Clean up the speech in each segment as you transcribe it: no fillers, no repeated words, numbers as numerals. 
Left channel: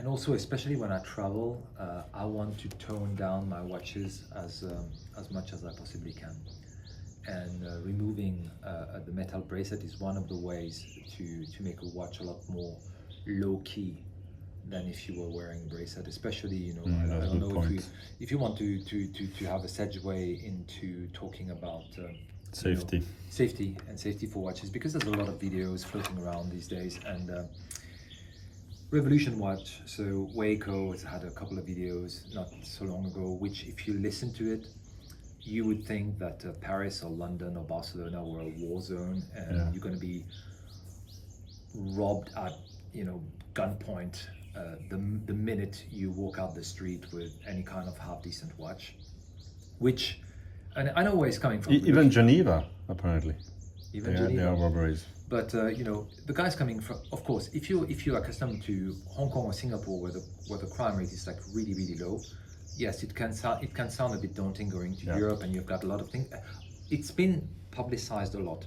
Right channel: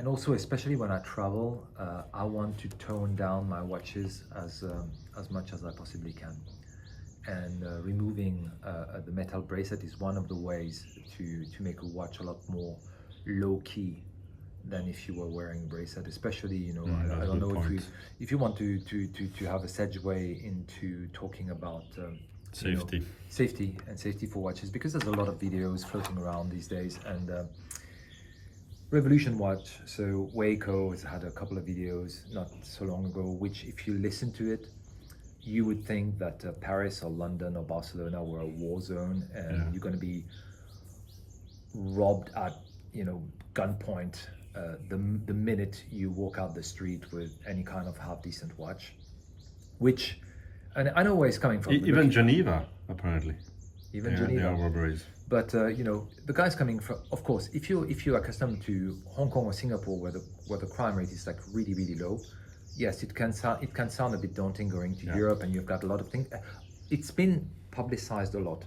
and also, especially when I travel, I want to tone down my watches as much as I possibly can. And removing the metal bracelet is one of the ways to make a watch a lot more low-key than if you were wearing a bracelet, especially, you know, I don't know if you want to have a segue into talking about safety. You know, safety for watches, because there's a lot of videos floating around these days. And Revolution Watch, so Waco has had a couple of videos not so long ago, which if you listen to it, you would think that Paris or London or Barcelona were a war zone, and you're going to be robbed at, you know, gunpoint the minute you walk out the street with any kind of half decent watch. Which, and I know where it's coming from. Even Geneva, apparently. Even Geneva. There are robberies. But you know, the guy's coming from. Of course, if you're accustomed to Hong Kong or Singapore, where the crime rate is like really low, yes, it can sound a bit daunting going to Europe, and you've got a lot of things. It's been publicized a lot.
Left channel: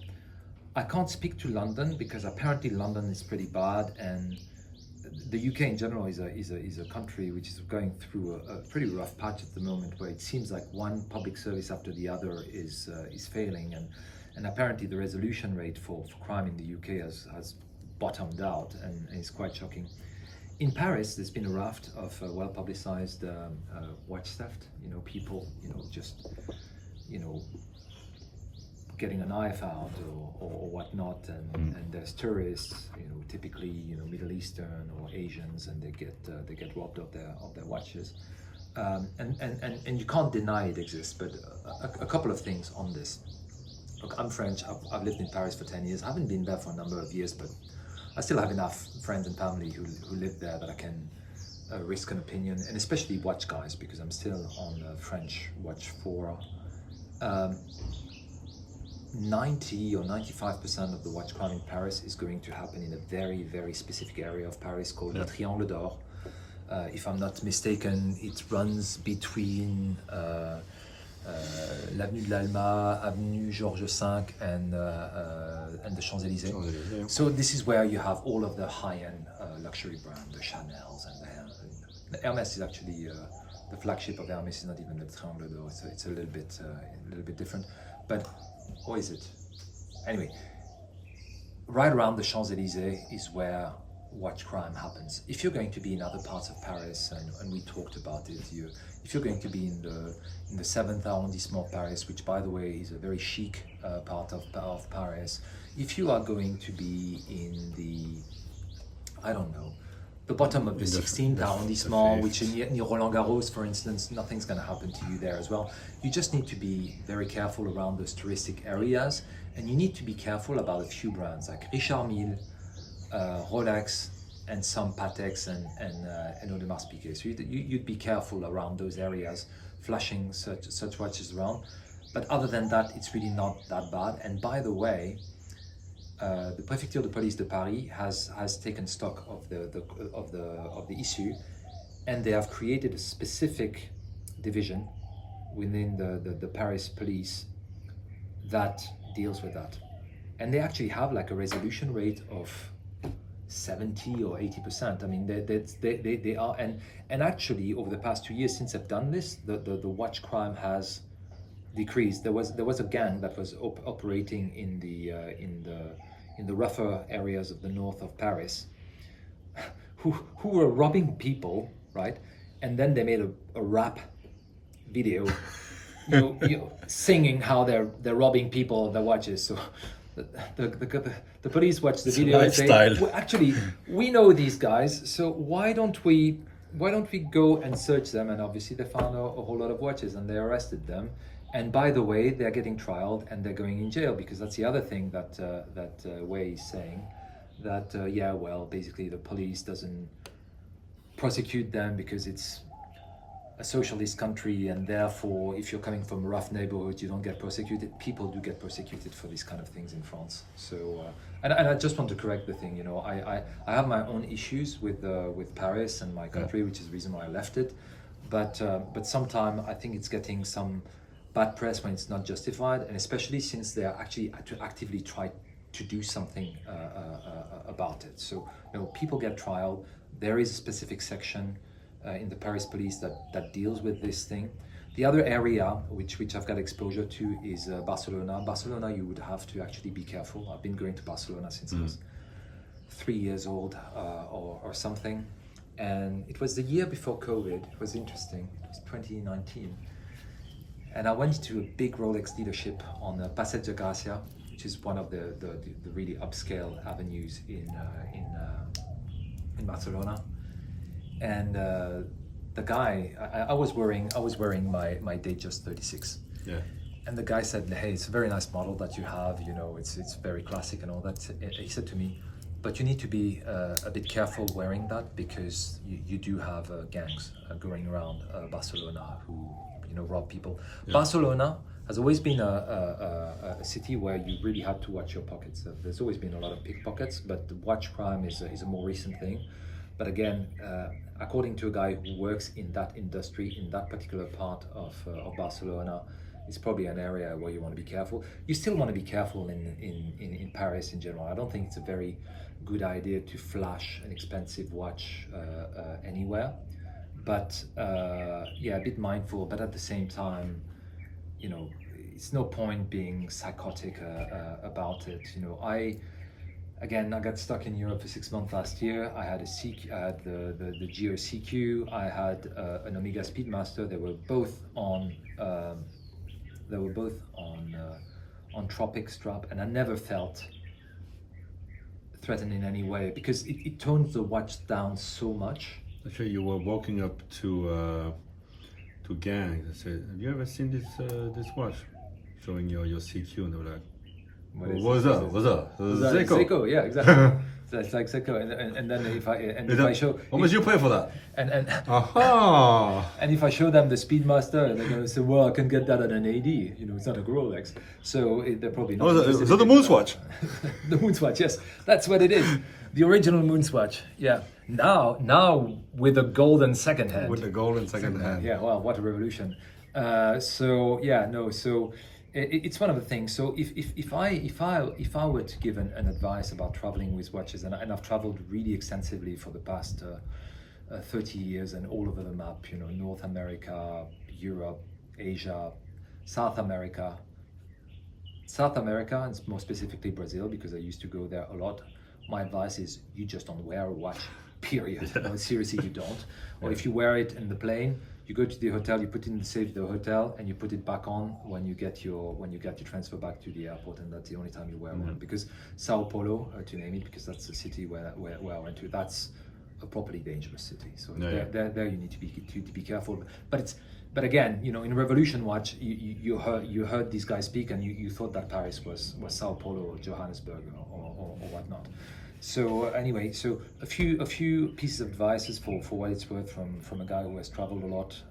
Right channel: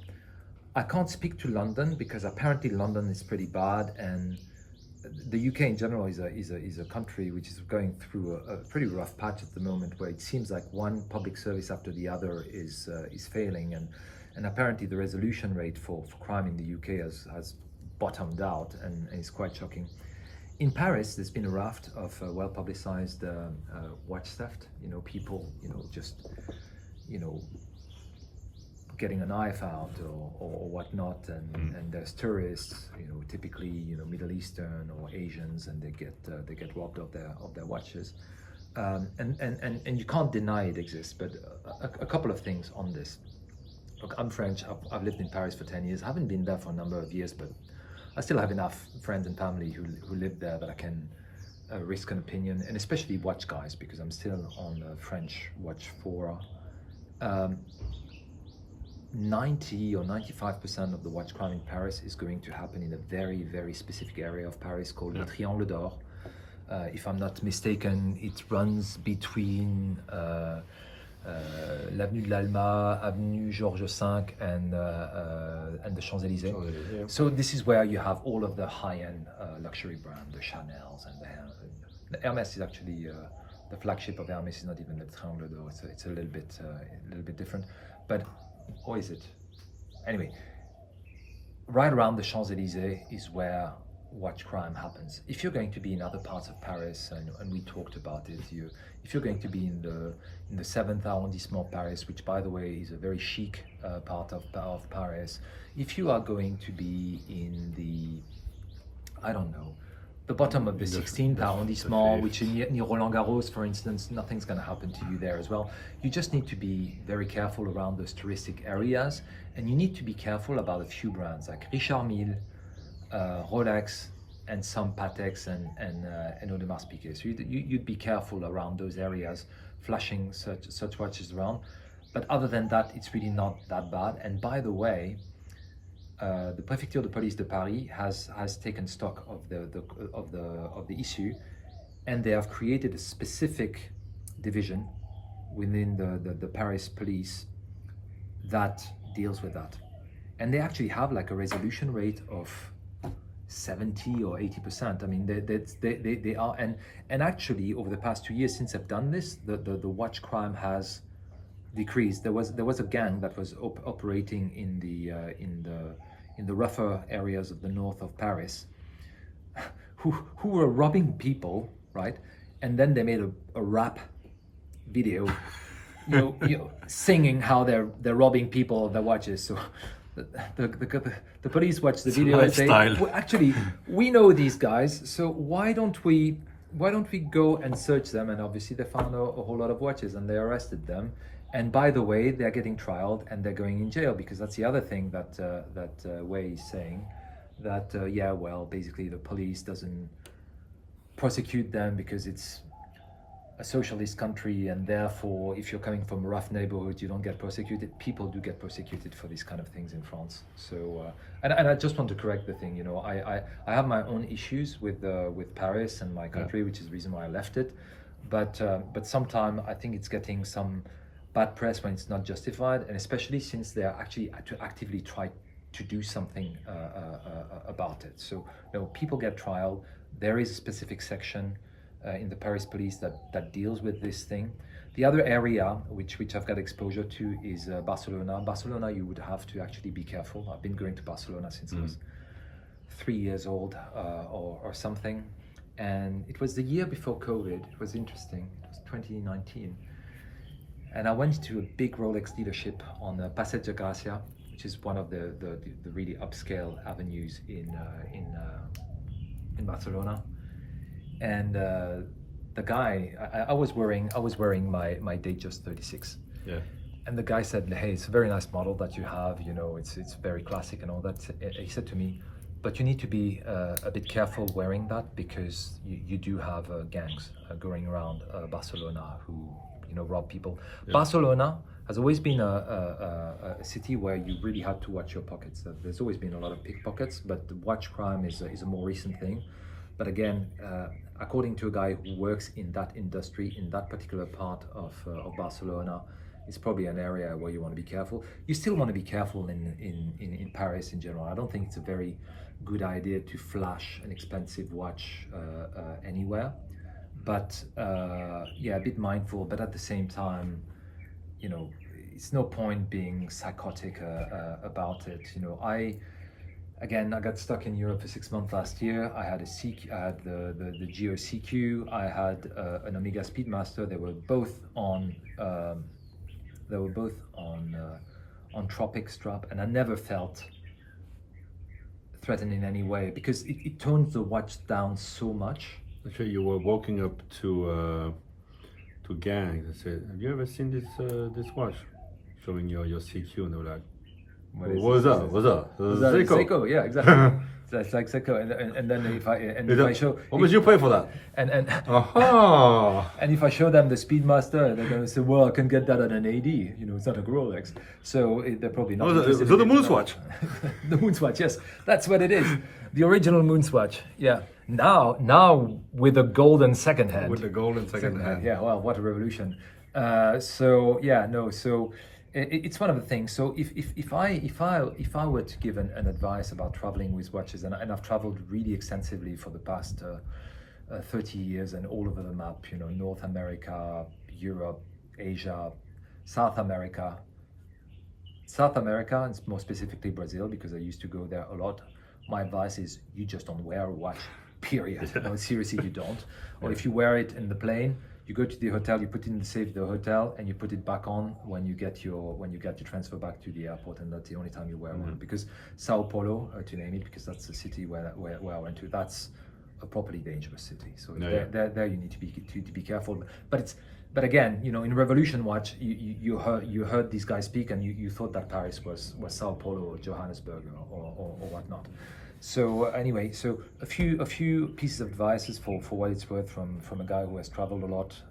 I can't speak to London because apparently London is pretty bad, and the UK in general is a country which is going through a pretty rough patch at the moment, where it seems like one public service after the other is failing, and apparently the resolution rate for crime in the UK has bottomed out, and is quite shocking. In Paris, there's been a raft of well-publicized watch theft. You know, people, you know, just, you know, getting a knife out or whatnot, and there's tourists, you know, typically, you know, Middle Eastern or Asians, and they get robbed of their watches, and you can't deny it exists. But a couple of things on this. Look, I'm French. I've lived in Paris for 10 years. I haven't been there for a number of years, but I still have enough friends and family who live there that I can risk an opinion, and especially watch guys, because I'm still on French watch fora. 90 or 95% of the watch crime in Paris is going to happen in a very specific area of Paris called the Triangle d'Or. If I'm not mistaken, it runs between l'Avenue de l'Alma, Avenue Georges V, and the Champs-Élysées. So this is where you have all of the high-end luxury brands, the Chanels and the Hermès is actually the flagship of Hermès is not even the Triangle d'Or. So it's a little bit different, but. Or is it? Anyway, right around the Champs-Élysées is where watch crime happens. If you're going to be in other parts of Paris, and we talked about it, if you're going to be in the 7th arrondissement of Paris, which by the way is a very chic part of Paris, if you are going to be in the, I don't know, the bottom of the 16th arrondissement, which is near Roland Garros, for instance, nothing's going to happen to you there as well. You just need to be very careful around those touristic areas, and you need to be careful about a few brands like Richard Mille, Rolex, and some Pateks and Audemars Piguet. So you'd be careful around those areas, flashing such watches around. But other than that, it's really not that bad. And by the way, the Préfecture de Police de Paris has taken stock of the issue, and they have created a specific division within the Paris police that deals with that, and they actually have like a resolution rate of 70 or 80%. I mean, they are, and actually over the past 2 years since I've done this, the watch crime has decreased. There was a gang that was operating in the rougher areas of the north of Paris, who were robbing people, right? And then they made a rap video, you know, singing how they're robbing people of their watches. So the police watch the video and say, well, actually, we know these guys, so why don't we go and search them? And obviously they found a whole lot of watches, and they arrested them. And by the way, they're getting trialed and they're going in jail, because that's the other thing that Wei is saying, that yeah, well, basically the police doesn't prosecute them because it's a socialist country, and therefore if you're coming from a rough neighborhood, you don't get prosecuted. People do get prosecuted for these kind of things in France. So and I just want to correct the thing, you know, I have my own issues with Paris and my country, which is the reason why I left it, but sometimes I think it's getting some bad press when it's not justified, and especially since they're actually actively to do something about it. So people get trial. There is a specific section in the Paris police that deals with this thing. The other area which I've got exposure to is Barcelona. Barcelona, you would have to actually be careful. I've been going to Barcelona since I was 3 years old or something. And it was the year before COVID. It was interesting. It was 2019. And I went to a big Rolex dealership on Passeig de Gràcia, which is one of the really upscale avenues in Barcelona. And the guy, I was wearing my Datejust 36. Yeah. And the guy said, "Hey, it's a very nice model that you have. It's very classic and all that." He said to me, "But you need to be a bit careful wearing that because you do have gangs going around Barcelona who rob people." Yeah. Barcelona has always been a city where you really had to watch your pockets. There's always been a lot of pickpockets, but the watch crime is a more recent thing. But again, according to a guy who works in that industry, in that particular part of Barcelona, it's probably an area where you want to be careful. You still want to be careful in Paris in general. I don't think it's a very good idea to flash an expensive watch anywhere. But a bit mindful, but at the same time, it's no point being psychotic about it. I got stuck in Europe for 6 months last year. I had the Geo CQ. I had an Omega Speedmaster. They were both on Tropic strap, and I never felt threatened in any way because it tones the watch down so much. Actually, you were walking up to gangs. I said, "Have you ever seen this watch?" Showing your CQ, and they were like, "What's up? What's up? Seiko." Seiko, yeah, exactly. So it's like Seiko, and then if I show, how much you pay for that? And Aha! And if I show them the Speedmaster, they're gonna say, "Well, I can get that at an AD. It's not a Rolex." So they're probably not. Oh, so the Moonswatch. The Moonswatch, yes, that's what it is. The original Moonswatch, yeah. Now with a golden second hand. With the golden second hand. Yeah, well, what a revolution. So it's one of the things. So if I were to give an advice about traveling with watches, and I've traveled really extensively for the past 30 years and all over the map, North America, Europe, Asia, South America, and more specifically Brazil, because I used to go there a lot. My advice is you just don't wear a watch, period. Yeah. No, seriously, you don't. Or Yeah. if you wear it in the plane, you go to the hotel, you put it in the safe of the hotel, and you put it back on when you get your transfer back to the airport, and that's the only time you wear it. Because Sao Paulo, to name it, because that's the city where I went to, that's a properly dangerous city. So there you need to be careful. But again, in Revolution Watch, you heard these guys speak, and you thought that Paris was Sao Paulo or Johannesburg, or whatnot. So anyway, so a few pieces of advice for what it's worth from a guy who has traveled a lot,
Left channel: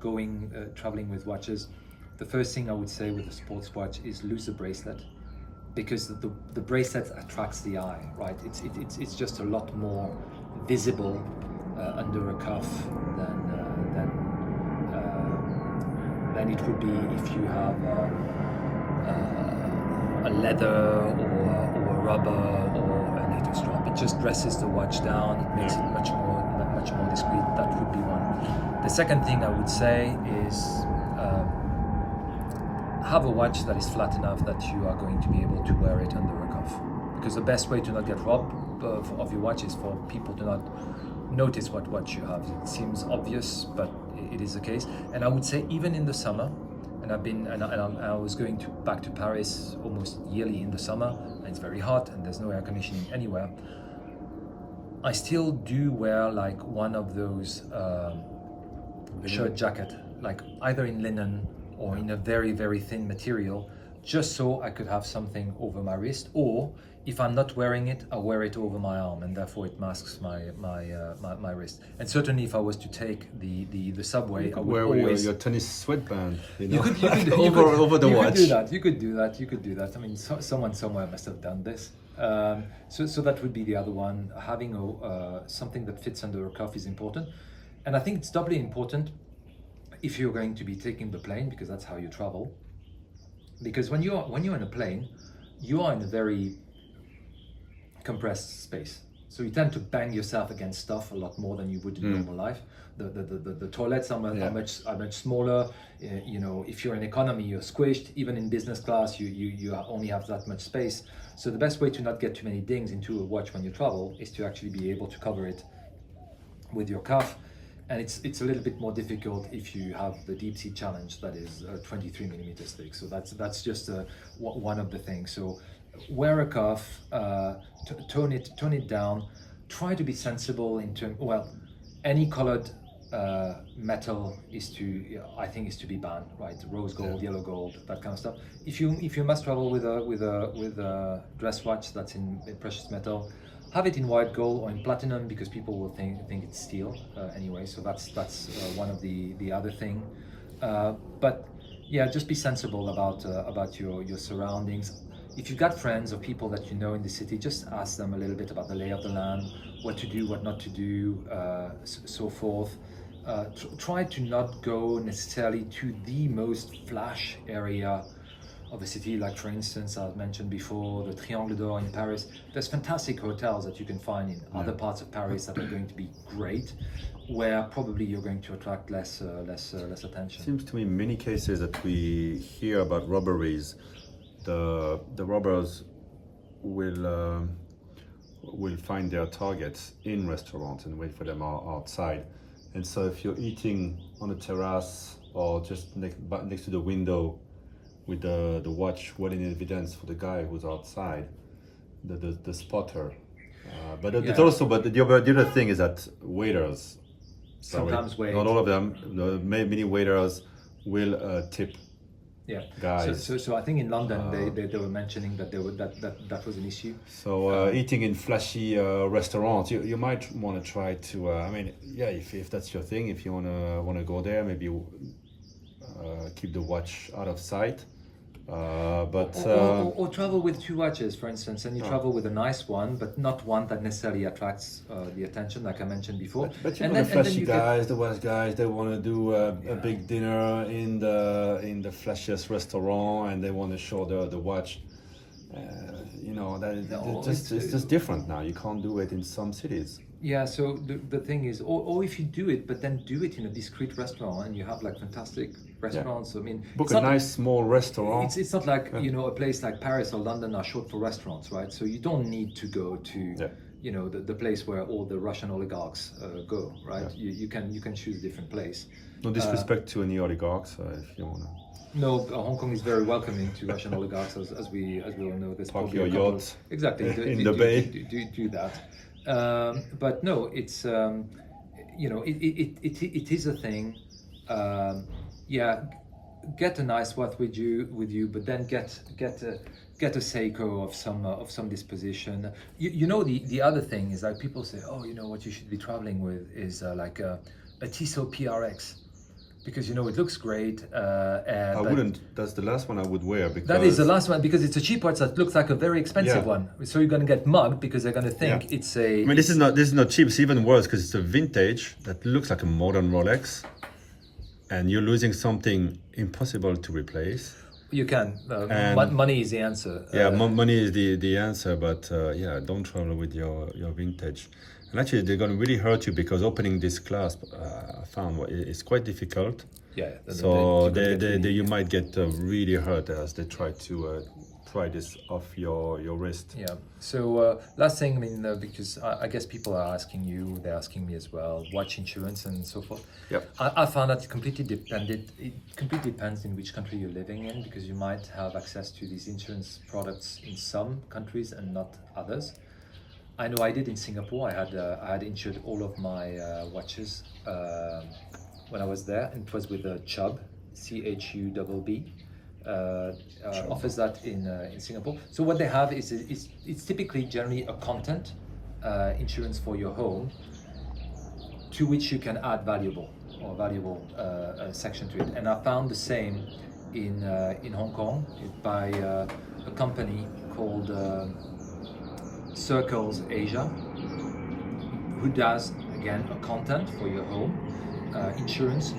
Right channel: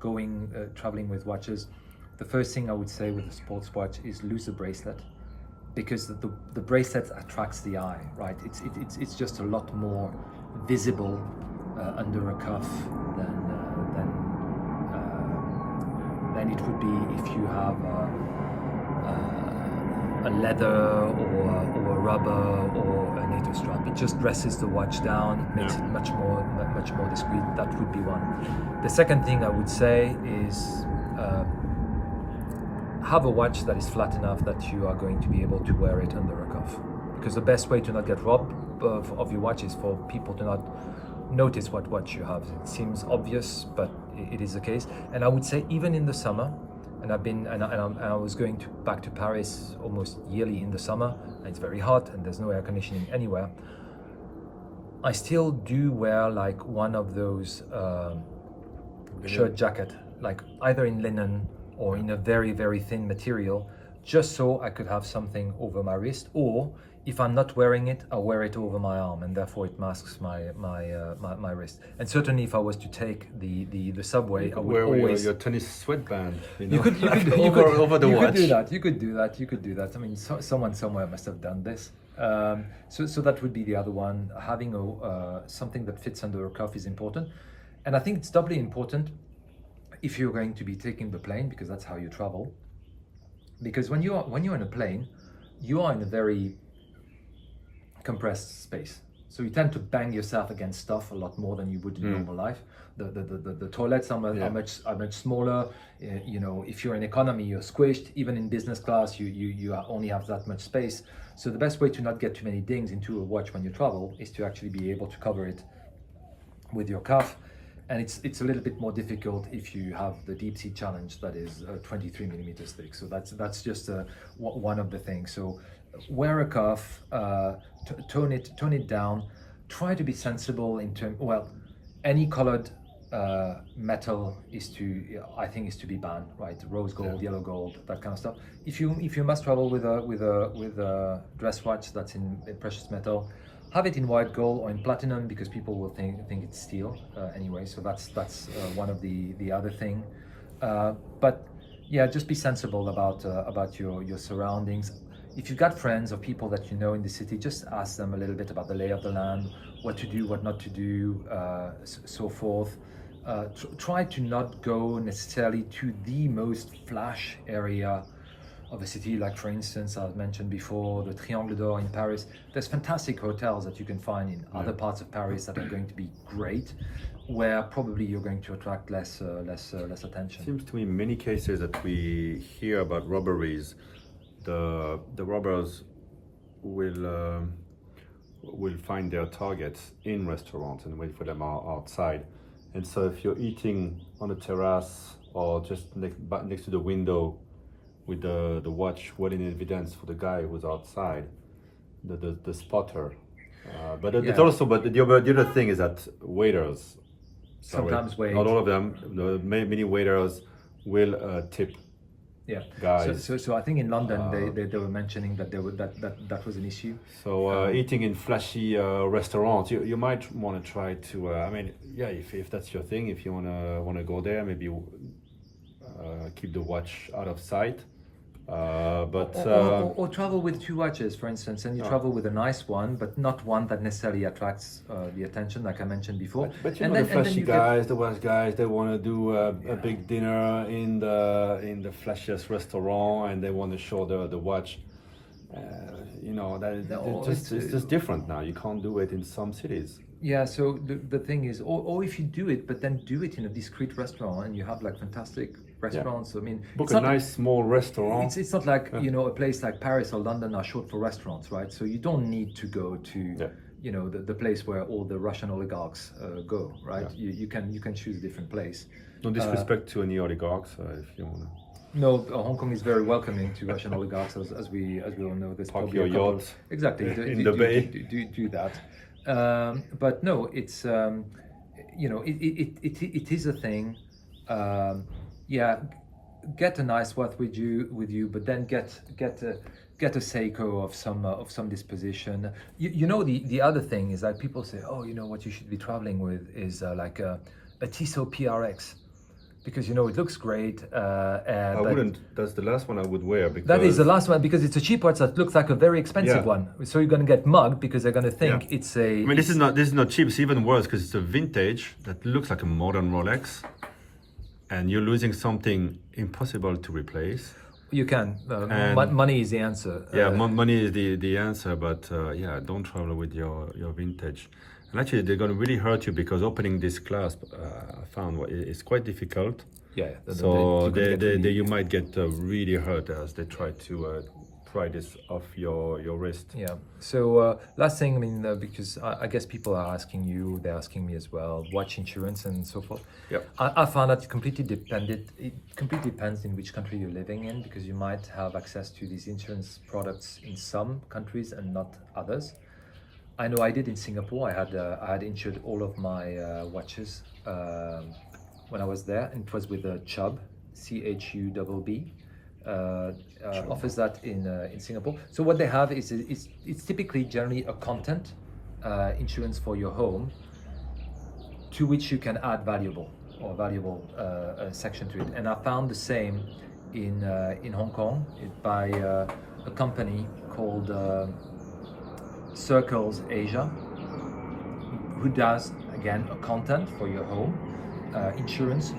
traveling with watches. The first thing I would say with a sports watch is lose the bracelet, because the bracelet attracts the eye, right? It's just a lot more visible under a cuff than it would be if you have a leather or rubber or a NATO strap. It just dresses the watch down. It makes it much more discreet. That would be one. The second thing I would say is have a watch that is flat enough that you are going to be able to wear it under a cuff. Because the best way to not get robbed of your watch is for people to not notice what watch you have. It seems obvious, but it is the case. And I would say even in the summer, and I was going back to Paris almost yearly in the summer, and it's very hot and there's no air conditioning anywhere. I still do wear like one of those shirt jacket, like either in linen or in a very, very thin material, just so I could have something over my wrist, or if I'm not wearing it, I wear it over my arm, and therefore it masks my wrist. And certainly, if I was to take the subway, I would wear always your tennis sweatband, over the watch. You could do that. I mean, someone somewhere must have done this. So that would be the other one. Having something that fits under a cuff is important, and I think it's doubly important if you're going to be taking the plane, because that's how you travel. Because when you're in a plane, you are in a very compressed space. So you tend to bang yourself against stuff a lot more than you would in normal life. The toilets are much smaller. You know, if you're in economy, you're squished. Even in business class, you only have that much space. So the best way to not get too many dings into a watch when you travel is to actually be able to cover it with your cuff. And it's a little bit more difficult if you have the deep sea challenge that is 23 millimeters thick. So that's just one of the things. So wear a cuff, tone it down. Try to be sensible in terms. Well, any colored metal is to be banned, right? Rose gold, yellow gold, that kind of stuff. If you must travel with a dress watch that's in precious metal, have it in white gold or in platinum, because people will think it's steel anyway. So that's one of the other thing. But yeah, just be sensible about your surroundings. If you've got friends or people that you know in the city, just ask them a little bit about the lay of the land, what to do, what not to do, so forth. Try to not go necessarily to the most flash area of a city, like for instance, I've mentioned before, the Triangle d'Or in Paris. There's fantastic hotels that you can find in other parts of Paris that are going to be great, where probably you're going to attract less attention. Seems to me in many cases that we hear about robberies, the robbers will find their targets in restaurants and wait for them outside. And so if you're eating on a terrace or just next to the window with the watch well in evidence for the guy who's outside, the spotter. But the other thing is that waiters, sometimes not all of them, many waiters will tip guys. So I think in London they were mentioning that that was an issue. So eating in flashy restaurants, you might want to try to. If that's your thing, if you wanna go there, maybe keep the watch out of sight. Or travel with two watches, for instance, and you travel with a nice one, but not one that necessarily attracts the attention, like I mentioned before. But the flashy guys, the watch guys, they want to do a big dinner in the flashiest restaurant, and they want to show the watch. It's just different now. You can't do it in some cities. Yeah, so the thing is, or if you do it, but then do it in a discreet restaurant, and you have like fantastic restaurants. I mean, book a nice small restaurant. It's not like a place like Paris or London are short for restaurants, right? So you don't need to go to the place where all the Russian oligarchs go, right? You can choose a different place. No disrespect to any oligarchs, if you wanna. No, Hong Kong is very welcoming to Russian oligarchs, as we all know. There's park your yacht exactly in the bay. Do that. But no, it's it is a thing. Get a nice watch with you, but then get a Seiko of some disposition. The other thing is that people say, what you should be traveling with is like a Tissot PRX. Because it looks great. I wouldn't. That's the last one I would wear, because that is the last one, because it's a cheap watch that looks like a very expensive one. So you're going to get mugged because they're going to think it's a. I mean, this is not cheap. It's even worse because it's a vintage that looks like a modern Rolex, and you're losing something impossible to replace. You can. Money is the answer. Money is the answer. But don't travel with your vintage. And actually, they're going to really hurt you, because opening this clasp, I found it's quite difficult. Yeah. So you might get really hurt as they try to pry this off your wrist. Yeah. So last thing, because I guess people are asking you, they're asking me as well, watch insurance and so forth. Yep. I found that it completely depends in which country you're living in, because you might have access to these insurance products in some countries and not others. I know I did in Singapore. I had insured all of my watches when I was there, and it was with Chubb, CHUBB. Offers that in Singapore. So what they have is it's typically generally a content insurance for your home, to which you can add valuable section to it. And I found the same in Hong Kong by a company called Circles Asia, who does again a content for your home insurance,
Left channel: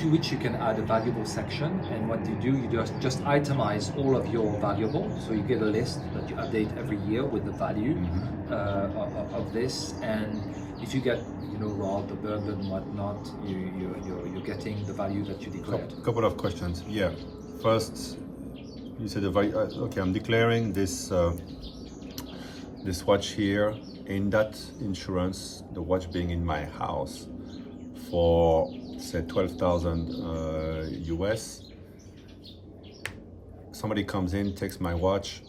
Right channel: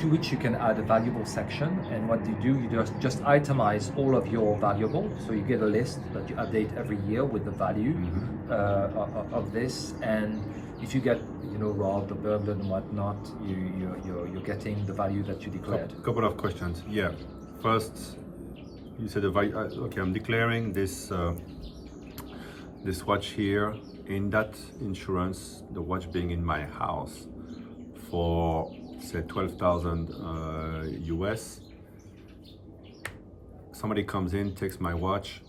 to which you can add a valuable section. And what you do, you just itemize all of your valuables. So you get a list that you update every year with the value of this. And if you get robbed or burned and whatnot, you're getting the value that you declared. Couple of questions. Yeah. First, you said the value. Okay, I'm declaring this this watch here in that insurance, the watch being in my house, for say 12,000 US. Somebody comes in, takes my watch.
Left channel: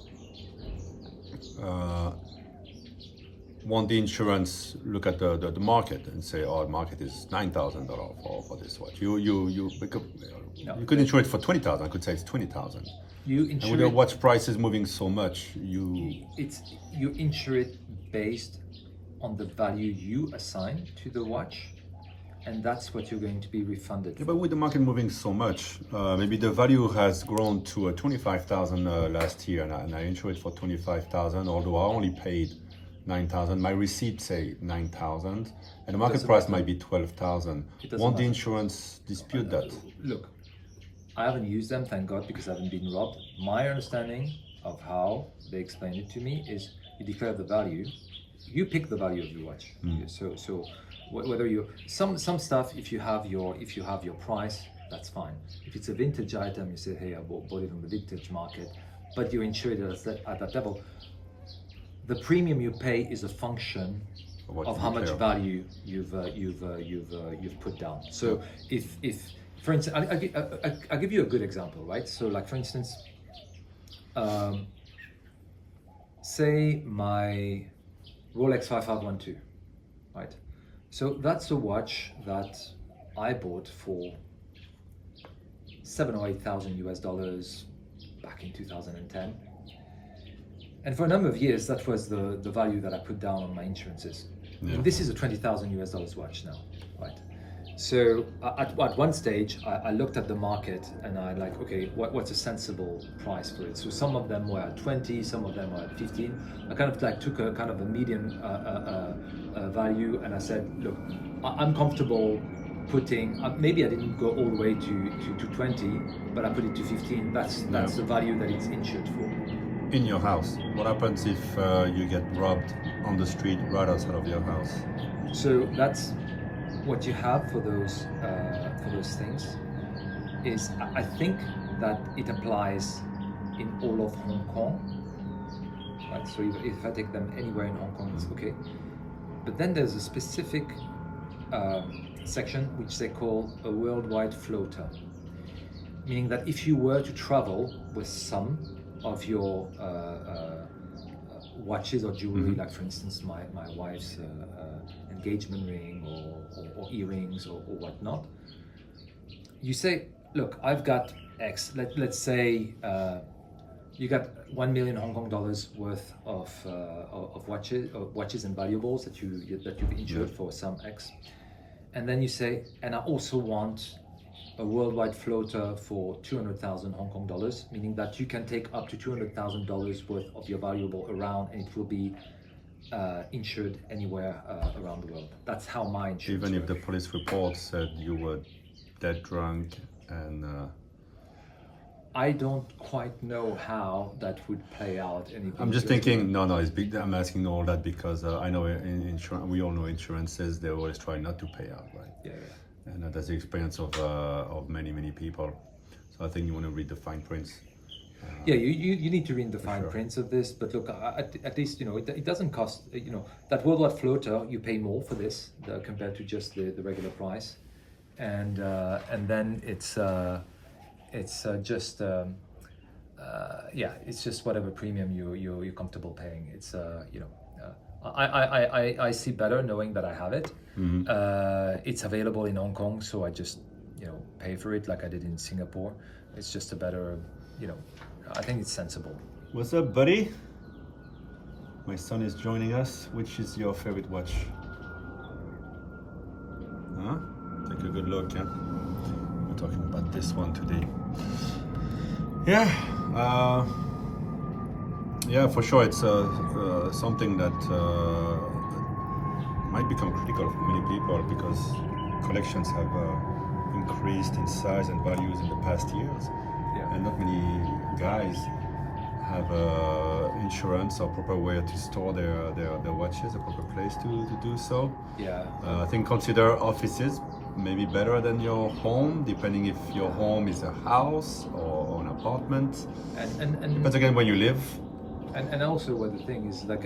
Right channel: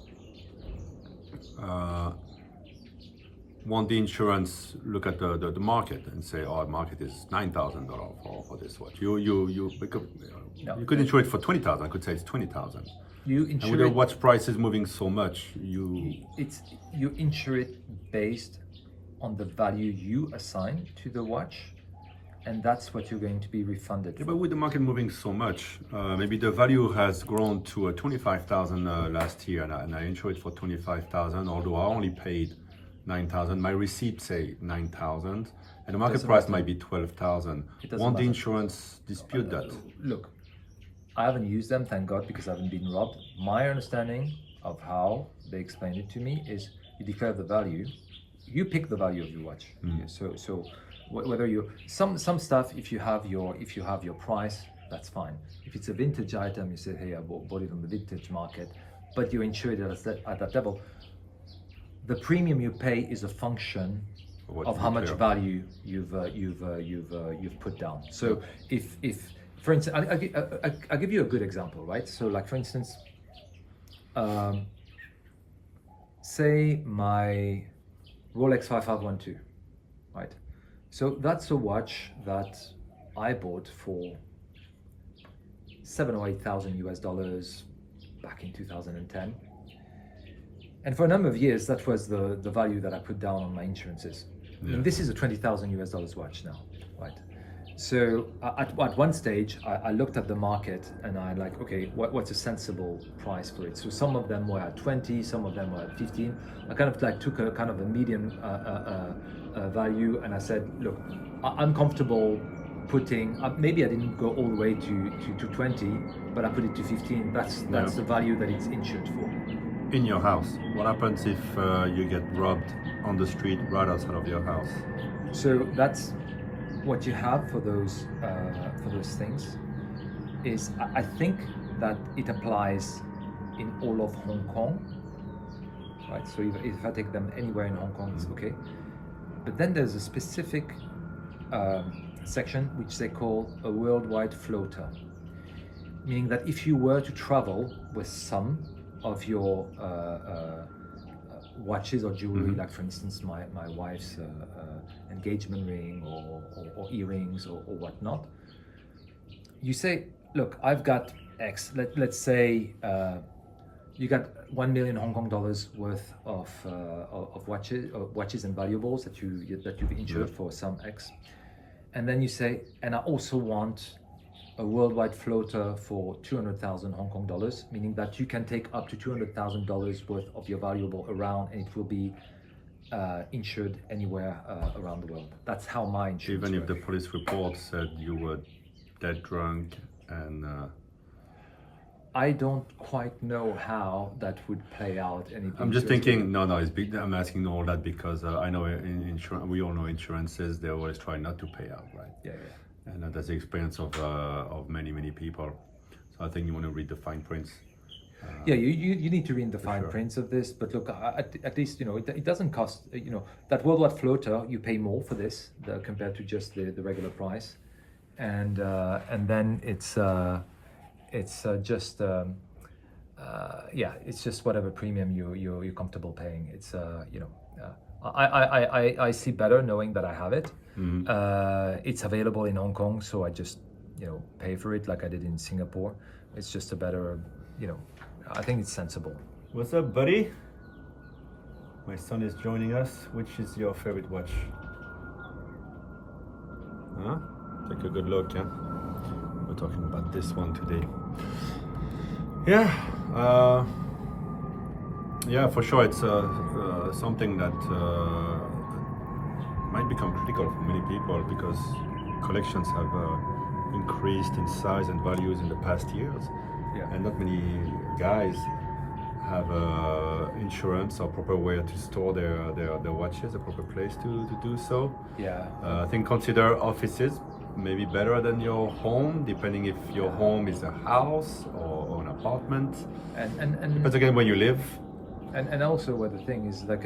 Won't the insurance look at the market and say, oh, the market is $9,000 for this watch? You could insure it for 20,000. I could say it's 20,000. And with the watch prices moving so much, you insure it based on the value you assign to the watch, and that's what you're going to be refunded. Yeah, but with the market moving so much, maybe the value has grown to 25,000 last year, and I insure it for 25,000, although I only paid 9,000. My receipt say 9,000, and the market price might be 12,000. Won't the insurance dispute that? Look, I haven't used them, thank God, because I haven't been robbed. My understanding of how they explain it to me is you declare the value, you pick the value of your watch. So whether you some stuff, if you have your price, that's fine. If it's a vintage item, you say, hey, I bought it on the vintage market, but you're insured at that level. The premium you pay is a function of how much value you've put down. So if for instance, I'll give you a good example, right? So like for instance, say my Rolex 5512, right? So that's a watch that I bought for $7,000 or $8,000 back in 2010. And for a number of years, that was the value that I put down on my insurances. Yeah. And this is a $20,000 watch now, right? So at one stage, I looked at the market and I like, okay, what's a sensible price for it? So some of them were at 20, some of them were at 15. I kind of like took a kind of a median value, and I said, look, I'm comfortable putting, maybe I didn't go all the way to 20, but I put it to 15. That's the value that it's insured for. In your house, what happens if you get robbed on the street right outside of your house? So that's what you have for those things is, I think that it applies in all of Hong Kong, right? So if I take them anywhere in Hong Kong, it's okay. But then there's a specific section which they call a worldwide floater, meaning that if you were to travel with some of your watches or jewelry, like for instance my wife's engagement ring or earrings or whatnot, you say, look, I've got X. Let's say you got 1 million Hong Kong dollars worth of watches and valuables that you've insured for some X, and then you say, and I also want a worldwide floater for 200,000 Hong Kong dollars, meaning that you can take up to $200,000 worth of your valuable around, and it will be insured anywhere around the world. That's how my insurance Even if works. the police report said you were dead drunk and... I don't quite know how that would play out. I'm just thinking, no, it's big. I'm asking all that because I know in insurance, we all know insurances, they always try not to pay out, right? Yeah. And that's the experience of many people. So I think you want to read the fine prints. Yeah, you need to read the fine prints of this, but look, at least it doesn't cost. That worldwide floater, you pay more for this compared to just the regular price, and then it's just it's just whatever premium you're comfortable paying. It's I see better knowing that I have it. It's available in Hong Kong, so I just pay for it like I did in Singapore. It's just a better I think it's sensible. What's up, buddy? My son is joining us. Which is your favorite watch? Huh? Take a good look, yeah? We're talking about this one today. Yeah, for sure it's something that might become critical for many people because collections have increased in size and values in the past years, and not many guys have insurance or proper way to store their watches, a proper place to do so. I think consider offices maybe better than your home, depending if your home is a house or an apartment. And depends again where you live. And also, what the thing is, like,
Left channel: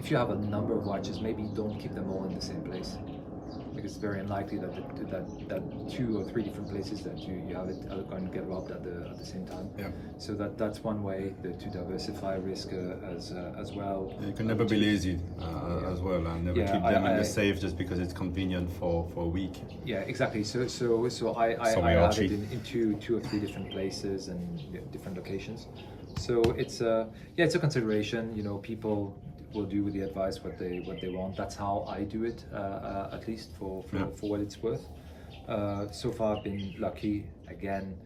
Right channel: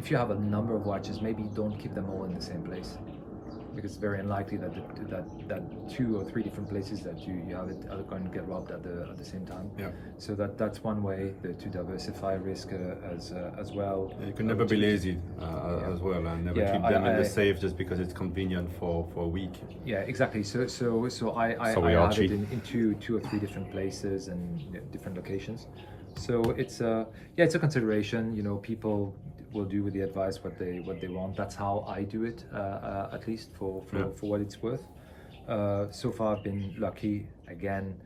if you have a number of watches, maybe don't keep them all in the same place, because it's very unlikely that 2 or 3 different places that you have it are going to get robbed at the same time. So that's one way to diversify risk as well. You can never be lazy as well, and never keep them in the safe just because it's convenient for a week. Exactly. So I have it in 2 or 3 different places and different locations. So it's a consideration. People will do with the advice what they want. That's how I do it, at least for what it's worth. So far I've been lucky. Again,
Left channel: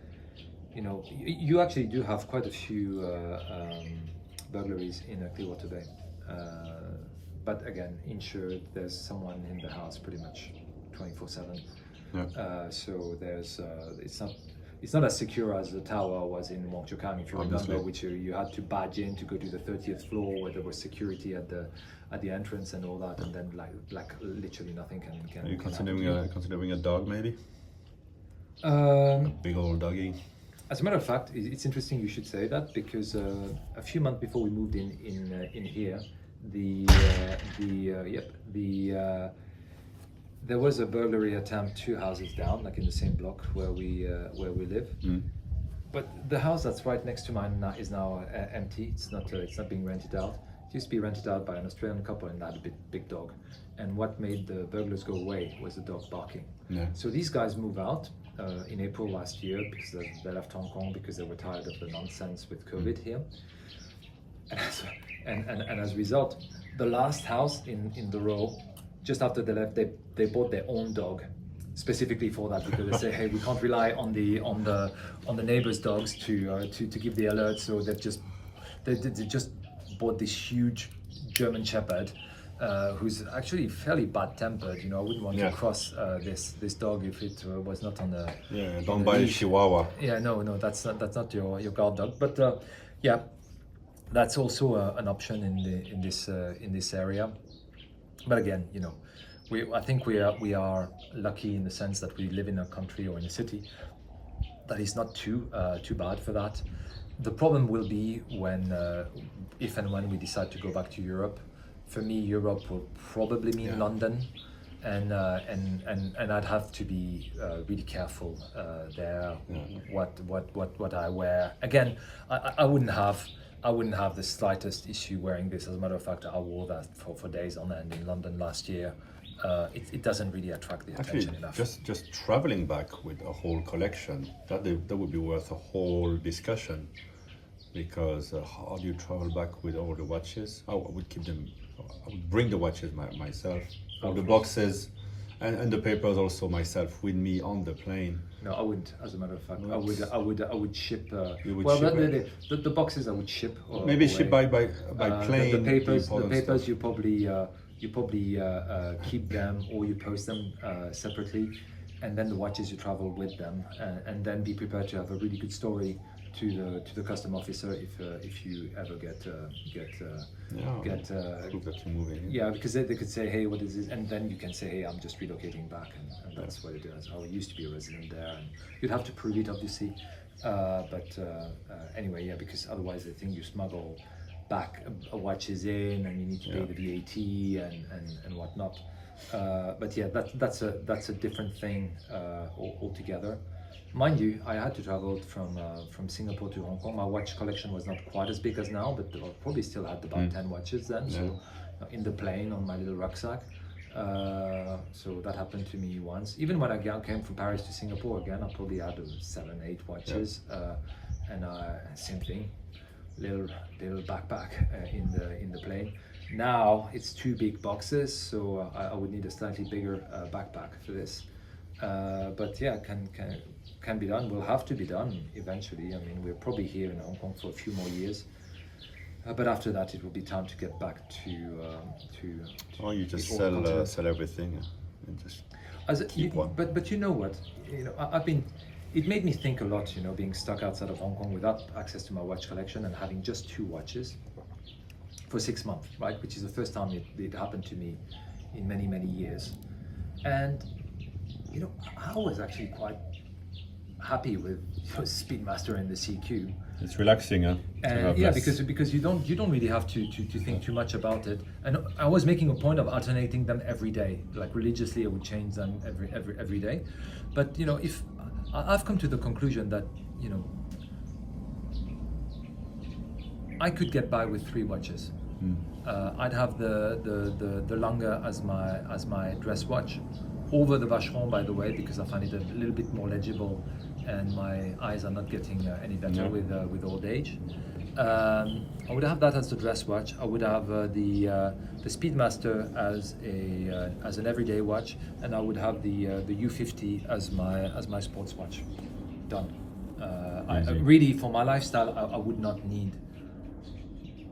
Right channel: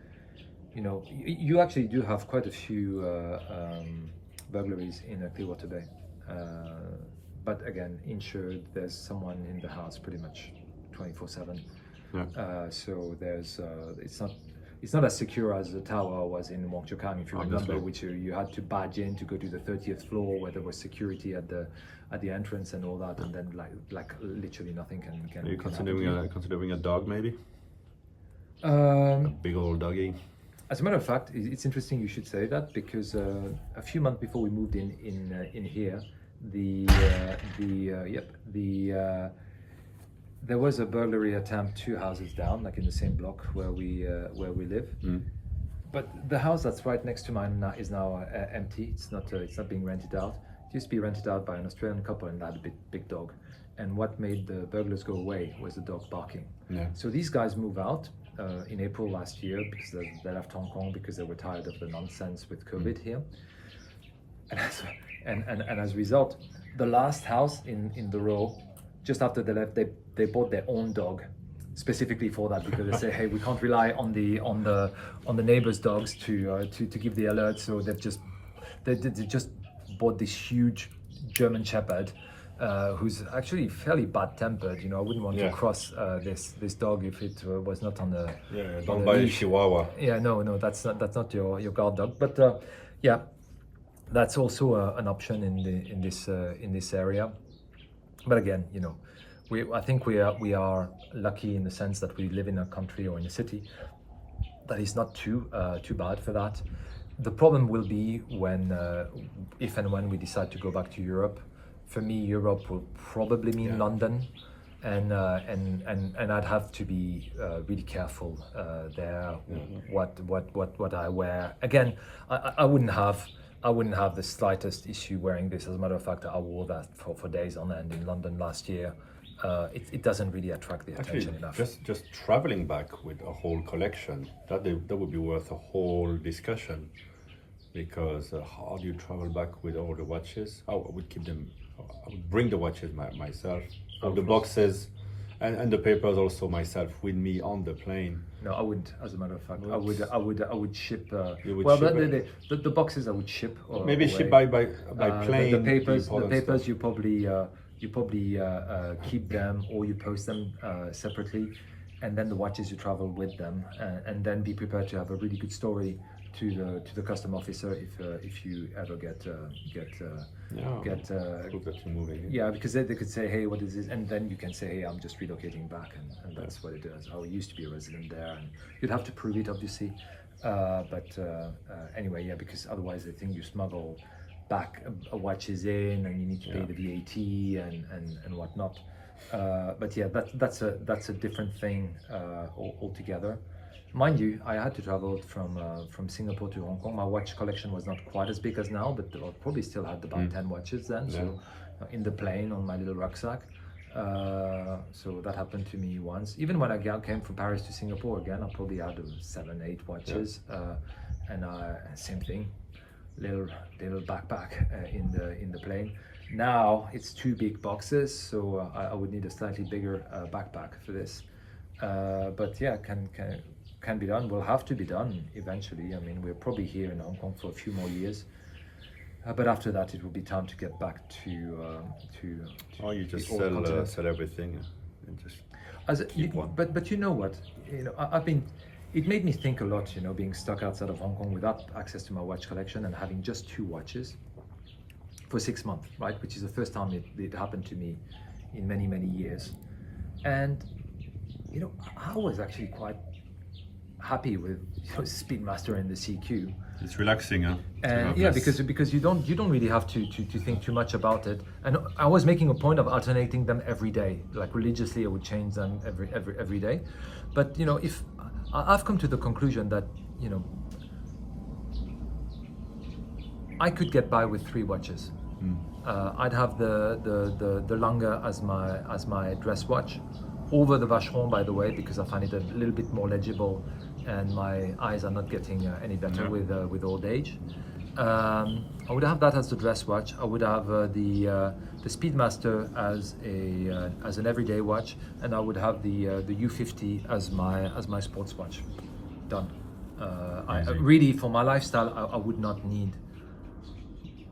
you actually do have quite a few burglaries in Clearwater Bay, but again, insured. There's someone in the house pretty much 24/7. So there's it's not as secure as the tower was in Wong Chuk Kang, if you remember, which you had to badge in to go to the 30th floor, where there was security at the entrance and all that, and then like literally nothing can. Are you considering a dog, maybe? A big old doggy. As a matter of fact, it's interesting you should say that, because a few months before we moved in here, there was a burglary attempt 2 houses down, like in the same block where we live. But the house that's right next to mine is now empty. It's not being rented out. It used to be rented out by an Australian couple, and they had a big dog. And what made the burglars go away was the dog barking. So these guys moved out in April last year, because they left Hong Kong because they were tired of the nonsense with COVID here. And as a result, the last house in the row, just after they left, they bought their own dog, specifically for that, because they say, hey, we can't rely on the neighbors' dogs to give the alert. So they just bought this huge German Shepherd, who's actually fairly bad-tempered. I wouldn't want to cross this dog if it was not on the. Don't buy a Chihuahua. No, that's not your guard dog. But that's also an option in this area. But again, I think we are lucky in the sense that we live in a country or in a city that is not too bad for that. The problem will be if and when we decide to go back to Europe. For me, Europe will probably mean London, and I'd have to be really careful there. What I wear. Again, I wouldn't have the slightest issue wearing this. As a matter of fact, I wore that for days on end in London last year. It doesn't really attract the attention enough. Just traveling back with a whole collection, that would be worth a whole discussion, because how do you travel back with all the watches? I would keep them. I would bring the watches myself, all the boxes, and the papers also myself with me on the plane. No, I wouldn't. As a matter of fact, I would ship. You would ship the boxes I would ship. Maybe ship by plane. The papers you probably keep them, or you post them separately, and then the watches you travel with them, and then be prepared to have a really good story to the custom officer if you ever get proof that you're moving. Because they could say, hey, what is this? And then you can say, hey, I'm just relocating back, and that's what it is. I used to be a resident there, and you'd have to prove it, obviously. Anyway, because otherwise I think you smuggle back watches in, and you need to pay the VAT and whatnot. That's a different thing altogether. Mind you, I had to travel from Singapore to Hong Kong. My watch collection was not quite as big as now, but I probably still had about 10 watches then. So in the plane on my little rucksack. So that happened to me once. Even when I came from Paris to Singapore again, I probably had 7, 8 watches, and same thing, little backpack in the plane. Now it's 2 big boxes, so I would need a slightly bigger backpack for this. But can be done. Will have to be done eventually. I mean, we're probably here in Hong Kong for a few more years, but after that, it will be time to get back to. Or you just sell everything, and just. keep one. But you know what? I've been. It made me think a lot. Being stuck outside of Hong Kong without access to my watch collection and having just 2 watches for 6 months, right? Which is the first time it happened to me in many, many years. And I was actually quite happy with Speedmaster and the CQ. It's relaxing, huh? And yeah, because you don't really have to think too much about it. And I was making a point of alternating them every day, like religiously. I would change them every day. But if I've come to the conclusion that I could get by with 3 watches. I'd have the Lange as my dress watch, over the Vacheron, by the way, because I find it a little bit more legible, and my eyes are not getting any better with old age. I would have that as the dress watch. I would have the Speedmaster as an everyday watch, and I would have the U50 as my sports watch. Done. Really, for my lifestyle, I would not need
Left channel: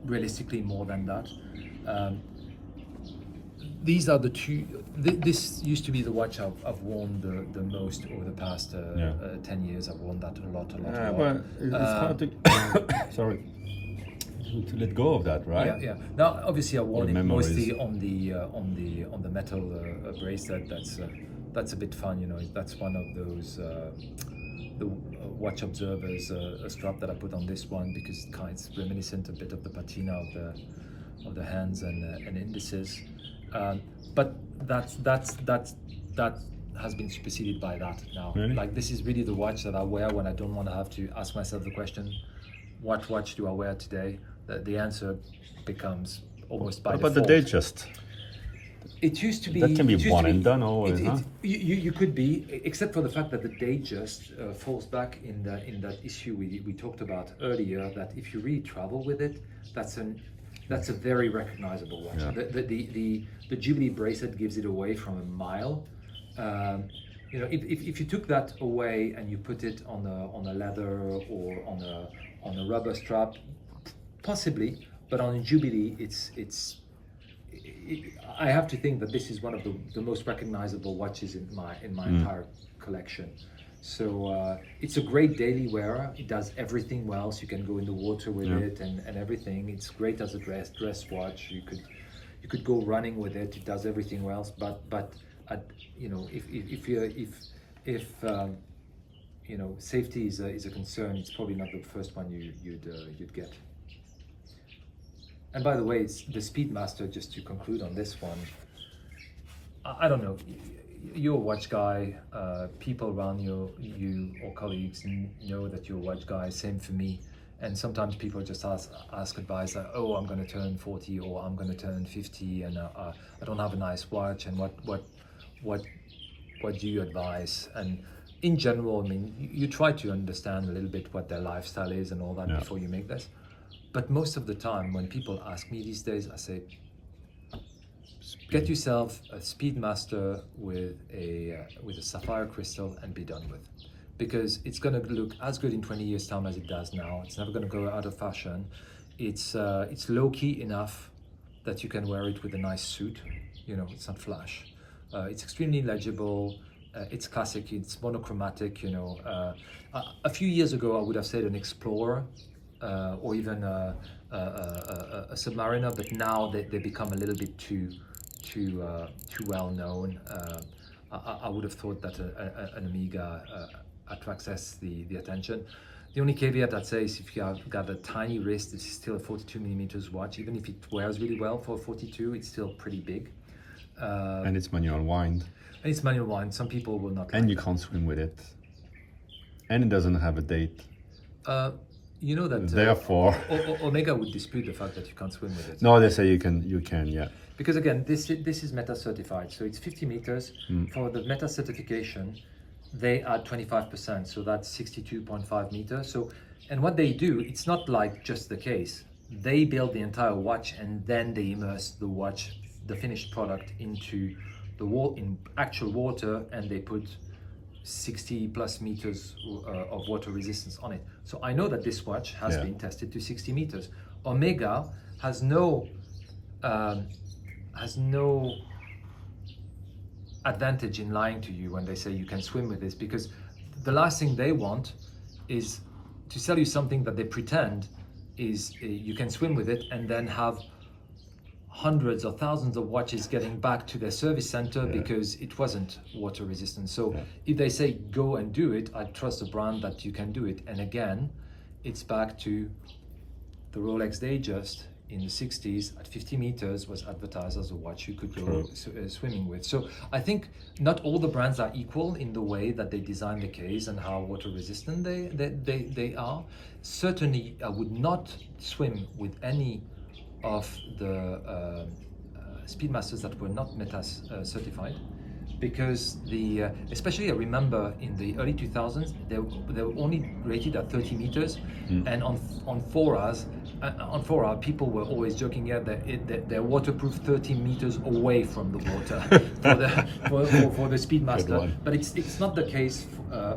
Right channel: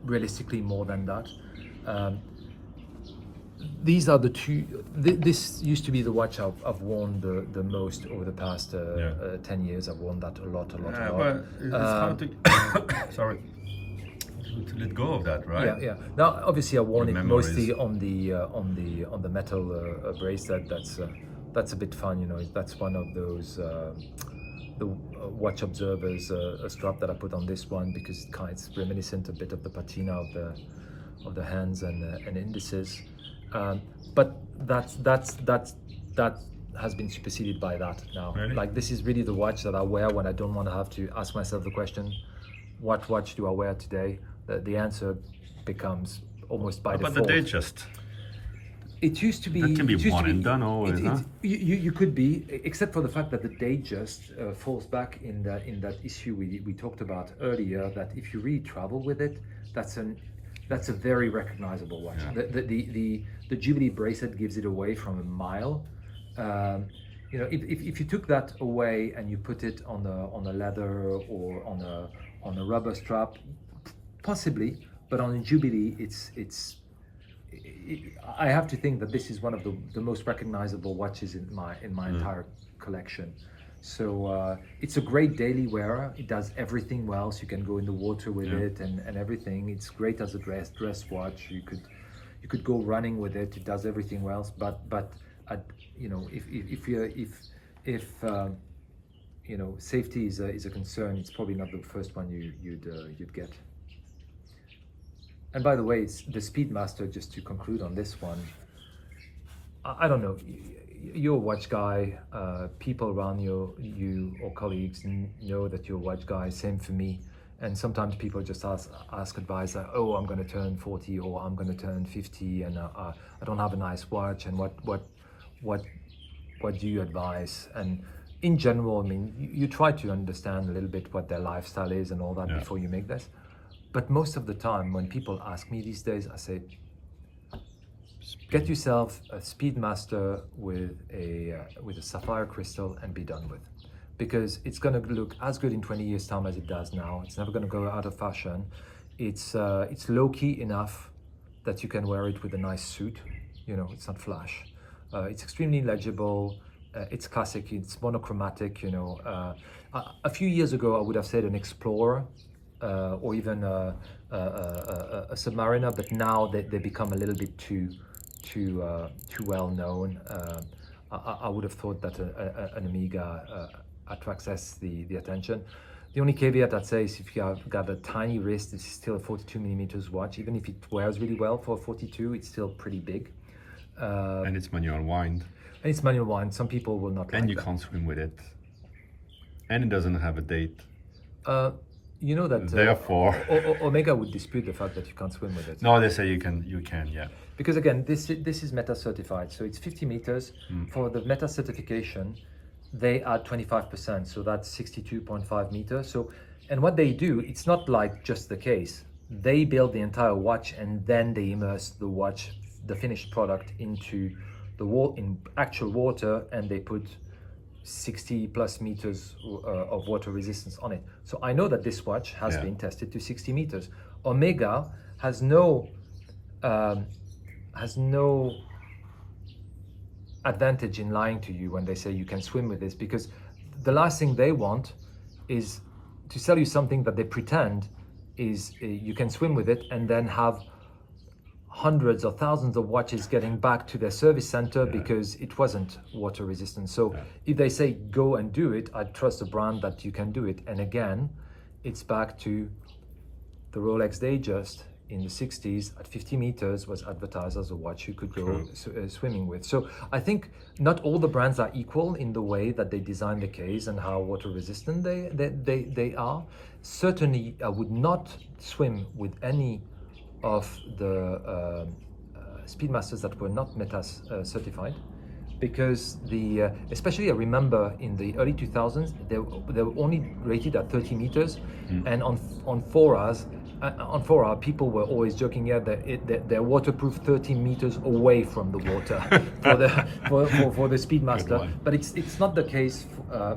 realistically more than that. These are the 2. This used to be the watch I've worn the most over the past 10 years. I've worn that a lot. But it's hard to sorry, to let go of that, right? Yeah. Now, obviously, I worn it mostly on the metal bracelet. That's a bit fun, That's one of those the watch observers strap that I put on this one, because it's reminiscent a bit of the patina of the hands and indices. But that has been superseded by that now. Really? Like, this is really the watch that I wear when I don't want to have to ask myself the question, what watch do I wear today? The answer becomes almost by default. But the Datejust. It used to be. That can be one and done always, huh? You could be, except for the fact that the Datejust falls back in that issue we talked about earlier. That if you really travel with it, that's a very recognizable watch. Yeah. The Jubilee bracelet gives it away from a mile. If you took that away and you put it on a leather or on a rubber strap, possibly, but on a Jubilee, I have to think that this is one of the most recognizable watches in my entire collection. So it's a great daily wearer. It does everything well. So you can go in the water with it and everything. It's great as a dress watch. You could go running with it. It does everything well. But if safety is a concern, it's probably not the first one you'd get. And by the way, it's the Speedmaster, just to conclude on this one, I don't know, you're a watch guy, people around you or colleagues know that you're a watch guy, same for me. And sometimes people just ask advice like, oh, I'm going to turn 40 or I'm going to turn 50 and I don't have a nice watch, and what do you advise? And in general, I mean, you try to understand a little bit what their lifestyle is and all that before you make this. But most of the time, when people ask me these days, I say, get yourself a Speedmaster with a sapphire crystal and be done with, because it's going to look as good in 20 years' time as it does now. It's never going to go out of fashion. It's low key enough that you can wear it with a nice suit. It's not flash. It's extremely legible. It's classic. It's monochromatic. A few years ago, I would have said an Explorer. Or even a Submariner, but now they become a little bit too well known. I would have thought that an Omega attracts the attention. The only caveat I'd say is if you have got a tiny wrist, this is still a 42mm watch. Even if it wears really well for a 42, it's still pretty big. And it's manual wind. Some people will not. And you can't swim with it. And it doesn't have a date. You know that therefore Omega would dispute the fact that you can't swim with it. No, they say you can, yeah. Because again, this is Meta certified, so it's 50 meters. For the Meta certification, they add 25%, so that's 62.5 meters. So, and what they do, it's not like just the case. They build the entire watch and then they immerse the watch, the finished product, into in actual water, and they put 60 plus meters of water resistance on it. So I know that this watch has been tested to 60 meters. Omega has no advantage in lying to you when they say you can swim with this, because the last thing they want is to sell you something that they pretend is you can swim with it, and then have hundreds or thousands of watches getting back to their service center because it wasn't water resistant. So if they say go and do it, I trust the brand that you can do it. And again, it's back to the Rolex Datejust in the 60s at 50 meters was advertised as a watch you could go swimming with. So I think not all the brands are equal in the way that they design the case and how water resistant they are. Certainly I would not swim with any of the Speedmasters that were not METAS certified, because especially I remember in the early 2000s they were only rated at 30 meters, and on 4 hours people were always joking that they're waterproof 30 meters away from the water for the Speedmaster, but it's not the case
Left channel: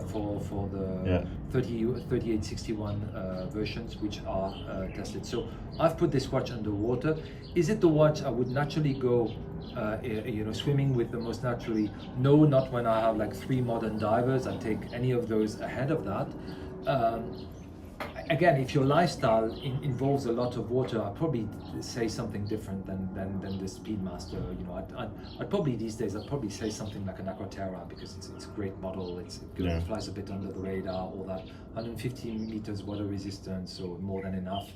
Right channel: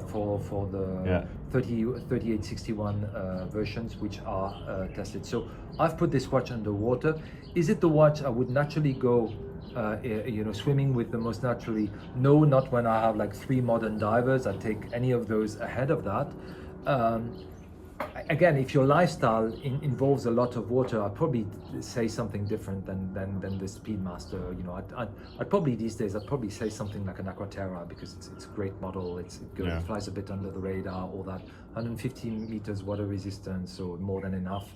for the 3861 versions which are tested. So I've put this watch underwater. Is it the watch I would naturally go swimming with the most naturally? No, not when I have like 3 modern divers. I take any of those ahead of that. Again, if your lifestyle involves a lot of water, I'd probably say something different than the Speedmaster. I'd probably these days say something like an Aquaterra, because it's a great model. It flies a bit under the radar, all that. 150 meters water resistance, so more than enough.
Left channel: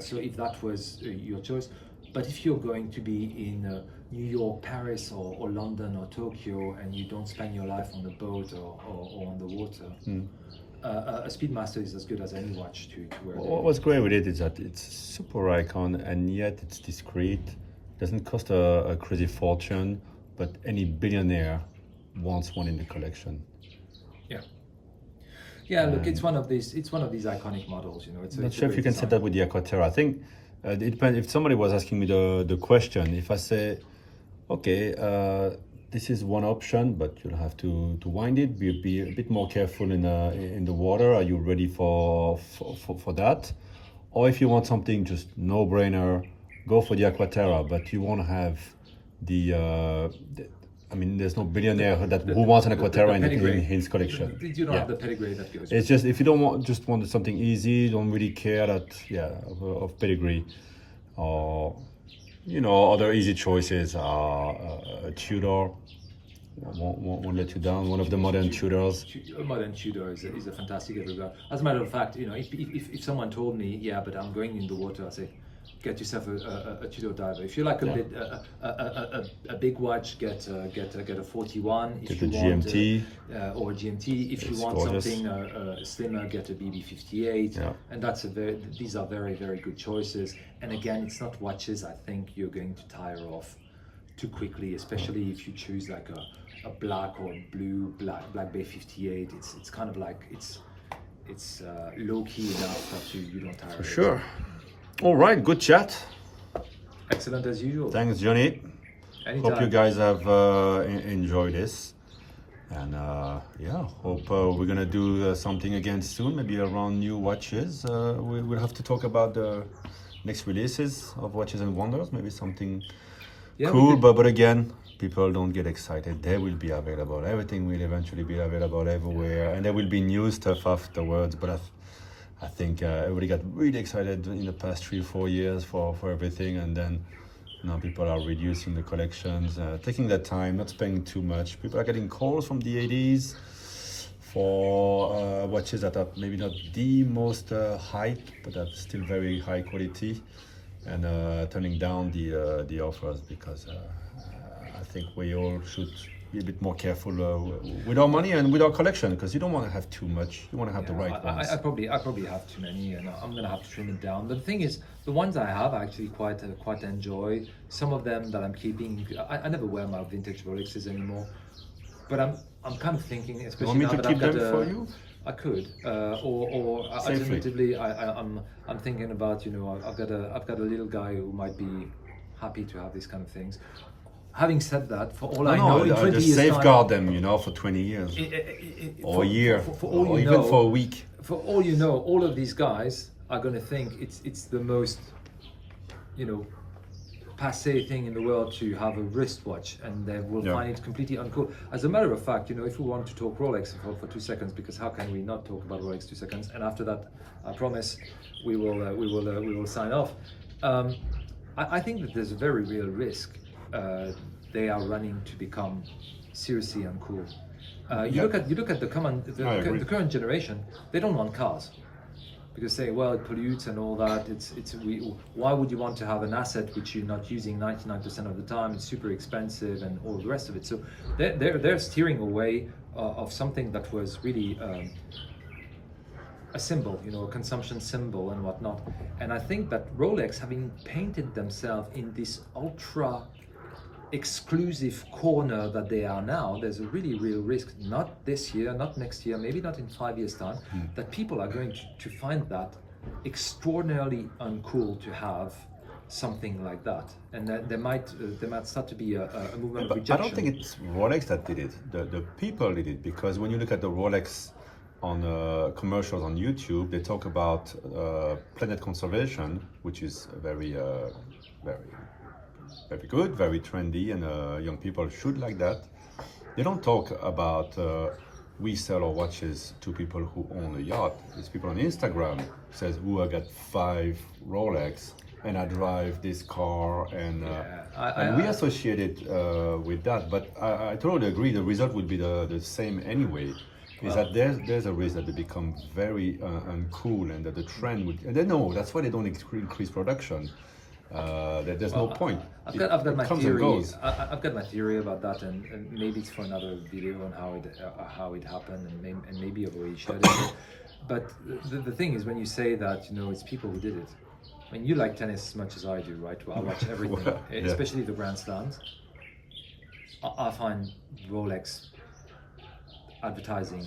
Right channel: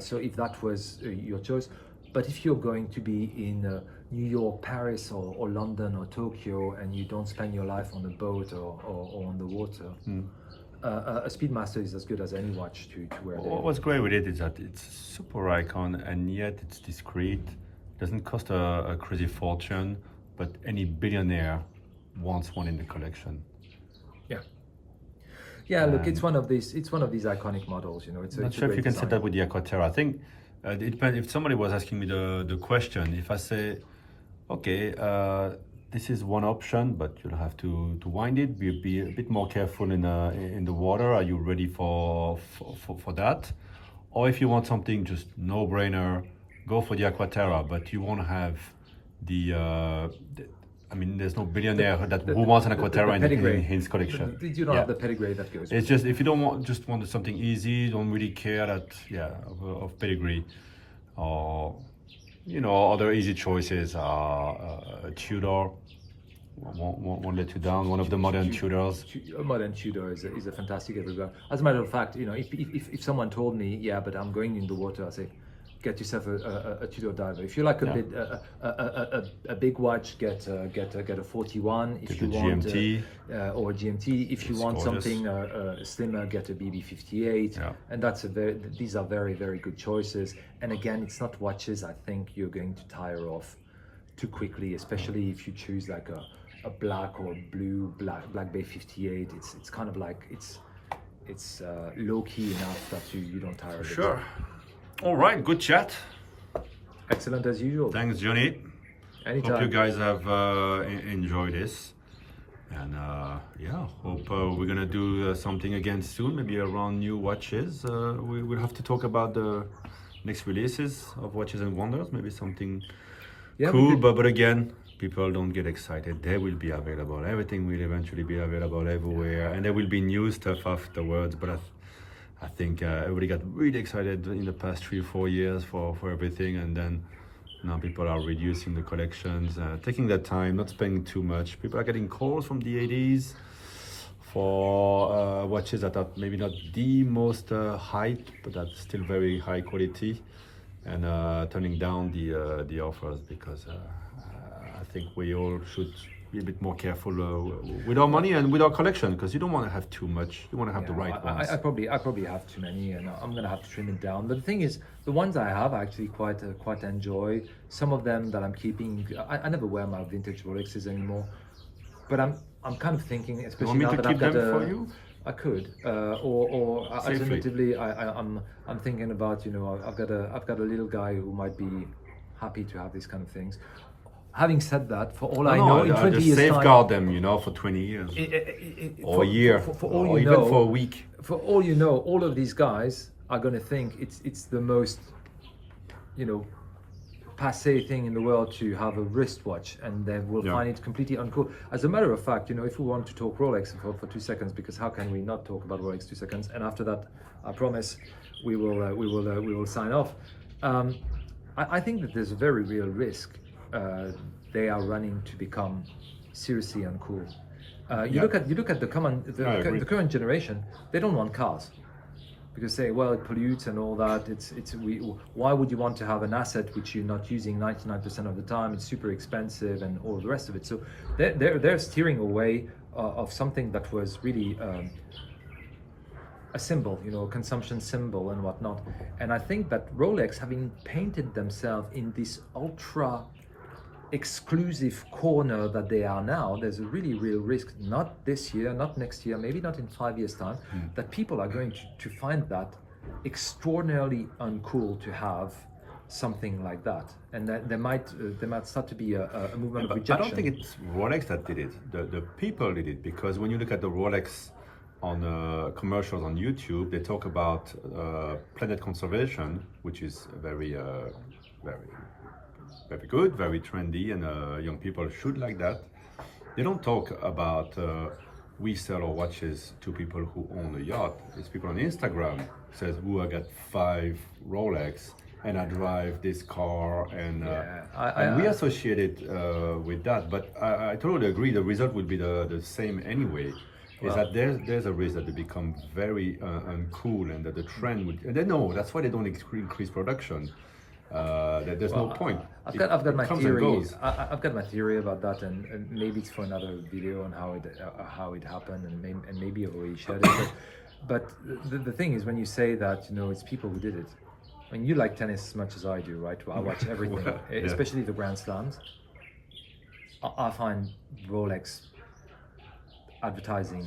So if that was your choice, but if you're going to be in New York, Paris, or London or Tokyo, and you don't spend your life on a boat or on the water, a Speedmaster is as good as any watch to wear. What's great with it is that it's super icon, and yet it's discreet. Doesn't cost a crazy fortune, but any billionaire wants one in the collection. Yeah, look, it's one of these iconic models. It's not sure if you can say that with the Aquaterra. I think it depends. If somebody was asking me the question, if I say, okay, this is one option, but you'll have to wind it, be a bit more careful in the water. Are you ready for that? Or if you want something just no-brainer, go for the Aquaterra, but you won't have there's no billionaire who wants an Aquaterra in his collection. You don't have the pedigree that goes. It's just, if you don't want something easy, don't really care of pedigree, or other easy choices are a Tudor. Won't let you down. One of the modern Tudors. A modern Tudor is a fantastic everywhere. As a matter of fact, if someone told me, but I'm going in the water, I say, get yourself a Tudor diver. If you like a big watch, get a 41. If get a GMT or a GMT. If you want gorgeous. Something slimmer, get a BB58. Yeah. And these are very, very good choices. And again, it's not watches I think you're going to tire of too quickly, especially if you choose like a black or a blue Black Bay 58. It's kind of like it's low key enough that you don't tire of it. Sure. All right, good chat. Excellent as usual. Thanks, Johnny. Anytime. Hope you guys have enjoyed this, and hope we're gonna do something again soon, maybe around new watches. We'll have to talk about the next releases of Watches and Wonders, maybe something cool, but again, people don't get excited. They will be available. Everything will eventually be available everywhere, and there will be new stuff afterwards, but I think everybody got really excited in the past 3 or 4 years for everything, and then now people are reducing the collections, taking their time, not spending too much. People are getting calls from the 80s for watches that are maybe not the most hype, but that's still very high quality, and turning down the offers, because I think we all should be a bit more careful with our money and with our collection, because you don't want to have too much. You want to have the right ones. I probably have too many, and I'm going to have to trim it down. But the thing is, the ones I have I actually quite enjoy. Some of them that I'm keeping, I never wear my vintage Rolexes anymore, but I'm kind of thinking, especially you want me now to that keep I've got them for you? I could, or alternatively, I'm thinking about, I've got a little guy who might be happy to have these kind of things. Having said that, for all I know, I just safeguard them, for 20 years, or a year, or even for a week. For all you know, all of these guys are going to think it's the most, passé thing in the world to have a wristwatch, and they will find it completely uncool. As a matter of fact, if we want to talk Rolex for 2 seconds, because how can we not talk about Rolex 2 seconds? And after that, I promise we will sign off. I think that there's a very real risk they are running to become seriously uncool. You look at the current generation. They don't want cars because they it pollutes and all that. Why would you want to have an asset which you're not using 99% of the time? It's super expensive and all the rest of it. So they're steering away of something that was really a symbol, a consumption symbol and whatnot. And I think that Rolex, having painted themselves in this ultra exclusive corner that they are now, there's a really real risk, not this year, not next year, maybe not in 5 years' time, that people are going to find that extraordinarily uncool to have something like that, and that there might start to be a movement of rejection. I don't think it's Rolex that did it. The people did it, because when you look at the Rolex on commercials on YouTube, they talk about planet conservation, which is very good, very trendy, and young people should like that. They don't talk about we sell our watches to people who own a yacht. It's people on Instagram says, I got 5 Rolex and I drive this car, and we associate it with that. But I totally agree. The result will be the same anyway. Is that there's a risk that they become very uncool, and that the trend would. And they know that's why they don't increase production. That there's no point. I've got my comes theory. and goes. I've got my theory about that, and maybe it's for another video on how it happened, and maybe I've already shared it. But the thing is, when you say that, it's people who did it. I mean, you like tennis as much as I do, right? I watch everything, especially the Grand Slams. I find Rolex advertising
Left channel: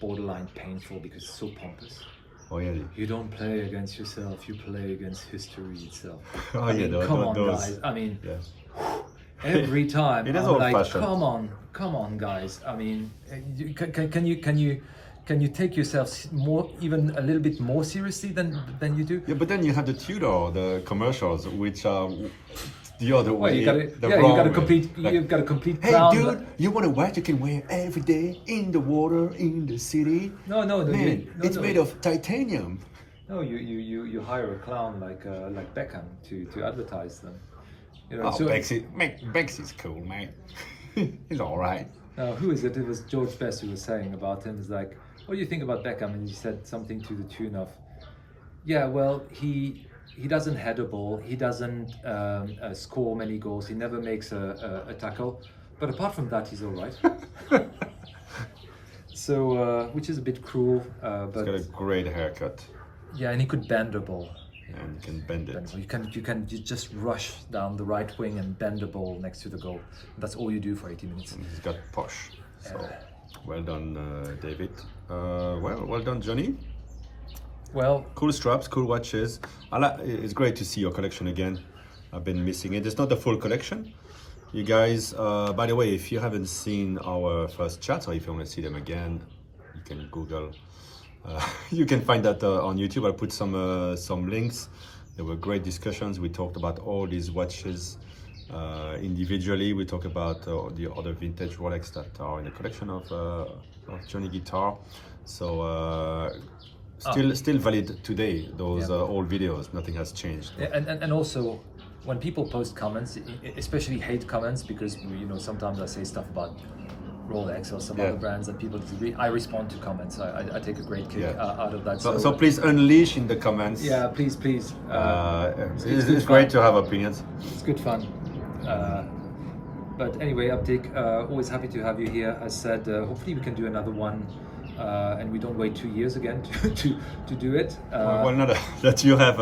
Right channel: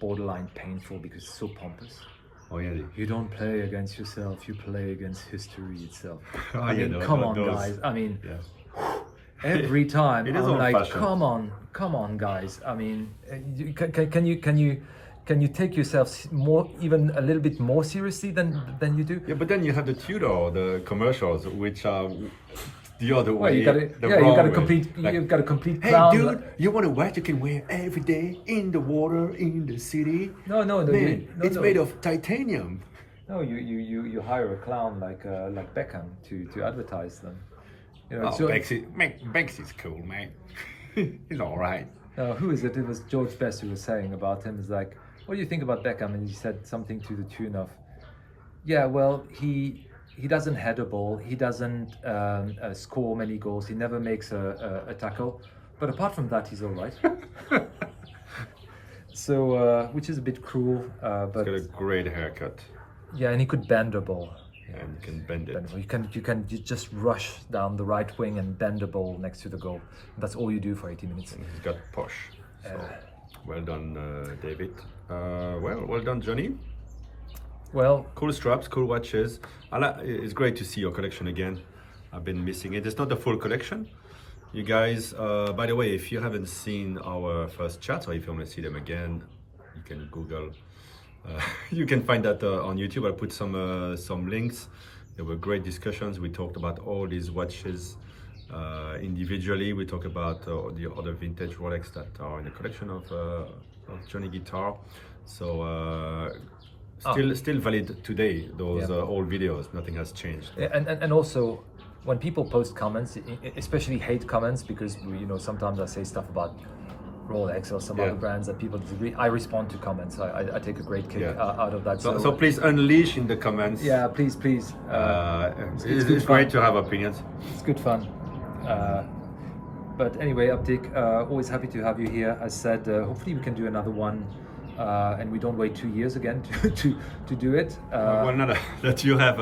borderline painful because it's so pompous. Oh yeah. You don't play against yourself, you play against history itself. Come on, guys. I mean, every time it is I'm like, old-fashioned. Come on, guys. I mean, can you take yourself even a little bit more seriously than you do? Yeah, but then you have the Tudor, the commercials, which are the other way, you've got a complete. Hey, dude, you want a watch you can wear every day in the water, in the city? No, man, it's made of titanium. No, you hire a clown like Beckham to advertise them. Becks is cool, man. He's all right. Who is it? It was George Best who was saying about him. It's like, what do you think about Beckham? And he said something to the tune of, yeah, well, he doesn't head a ball, he doesn't score many goals, he never makes a tackle, but apart from that, he's all right. So, which is a bit cruel. But he's got a great haircut. Yeah, and he could bend a ball. And you can bend it. You just rush down the right wing and bend the ball next to the goal. That's all you do for 80 minutes. And he's got posh. So, well done, David. Well done, Johnny. Well, cool straps, cool watches. It's great to see your collection again. I've been missing it. It's not the full collection. You guys, by the way, if you haven't seen our first chats, or if you want to see them again, you can Google. You can find that on YouTube. I'll put some links. There were great discussions. We talked about all these watches individually. We talked about the other vintage Rolex that are in the collection of JohnnyGuitar. So still valid today. Those old videos. Nothing has changed. And also, when people post comments, especially hate comments, because sometimes I say stuff about Rolex or some other brands that people disagree, I respond to comments. I take a great kick out of that. So please unleash in the comments. Yeah, please. It's great to have opinions. It's good fun. But anyway, Uptick, always happy to have you here. As said, hopefully we can do another one, and we don't wait 2 years again to do it. Well, not that you have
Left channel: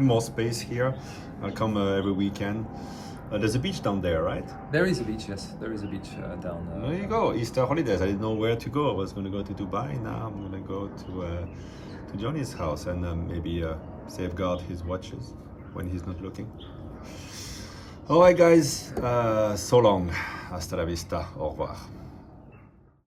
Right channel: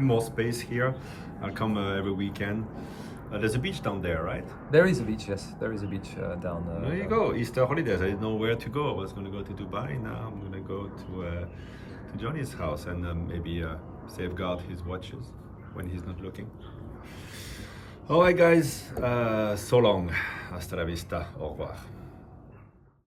more space here. I'll come every weekend. There's a beach down there, right? There is a beach, yes. There is a beach down there. There you go. Easter holidays. I didn't know where to go. I was going to go to Dubai. Now I'm going to go to Johnny's house and maybe safeguard his watches when he's not looking. All right, guys. So long. Hasta la vista. Au revoir.